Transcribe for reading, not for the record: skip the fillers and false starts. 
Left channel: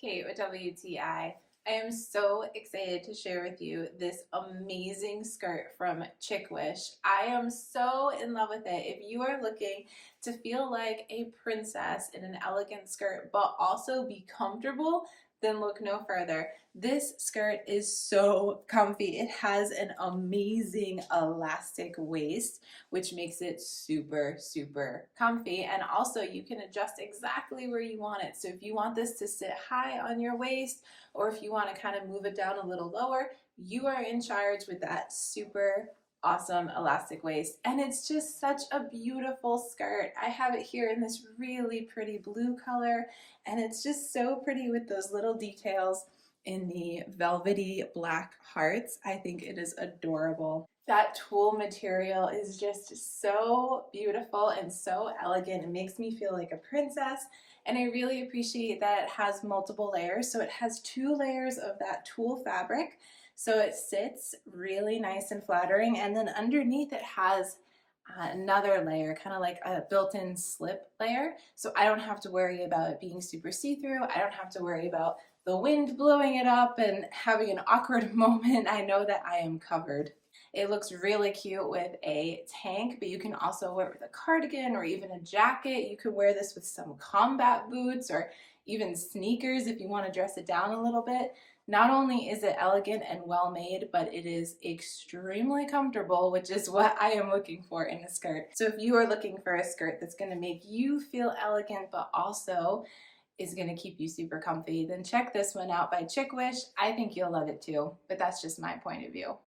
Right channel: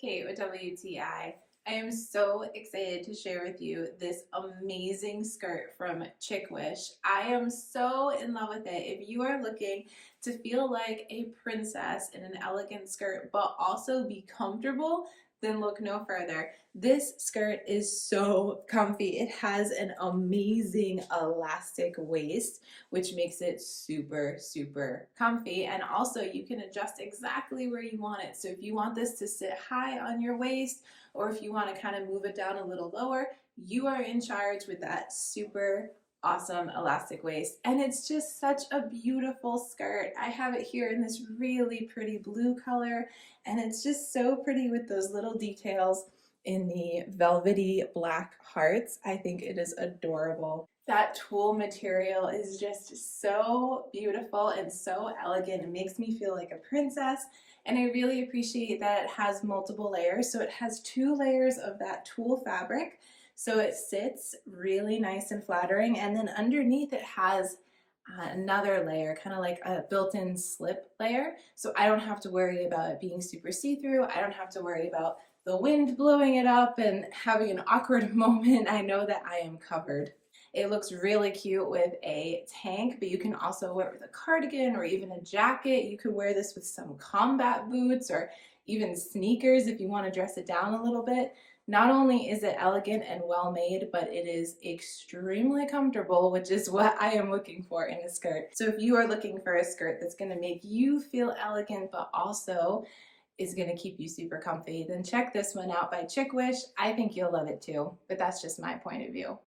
Kate with WTI. I am so excited to share with you this amazing skirt from CHICWISH. I am so in love with it. If you are looking to feel like a princess in an elegant skirt, but also be comfortable, then look no further. This skirt is so comfy. It has an amazing elastic waist, which makes it super, super comfy. And also you can adjust exactly where you want it. So if you want this to sit high on your waist, or if you want to kind of move it down a little lower, you are in charge with that super awesome elastic waist. And it's just such a beautiful skirt. I have it here in this really pretty blue color, and it's just so pretty with those little details in the velvety black hearts. I think it is adorable. That tulle material is just so beautiful and so elegant. It makes me feel like a princess, and I really appreciate that it has multiple layers. So it has 2 layers of that tulle fabric, so it sits really nice and flattering, and then underneath it has another layer, kind of like a built-in slip layer, so I don't have to worry about it being super see-through. I don't have to worry about the wind blowing it up and having an awkward moment. I know that I am covered. It looks really cute with a tank, but you can also wear it with a cardigan or even a jacket. You could wear this with some combat boots or even sneakers if you want to dress it down a little bit. Not only is it elegant and well made, but it is extremely comfortable, which is what I am looking for in a skirt. So if you are looking for a skirt that's going to make you feel elegant, but also is going to keep you super comfy, then check this one out by CHICWISH. I think you'll love it too, but that's just my point of view.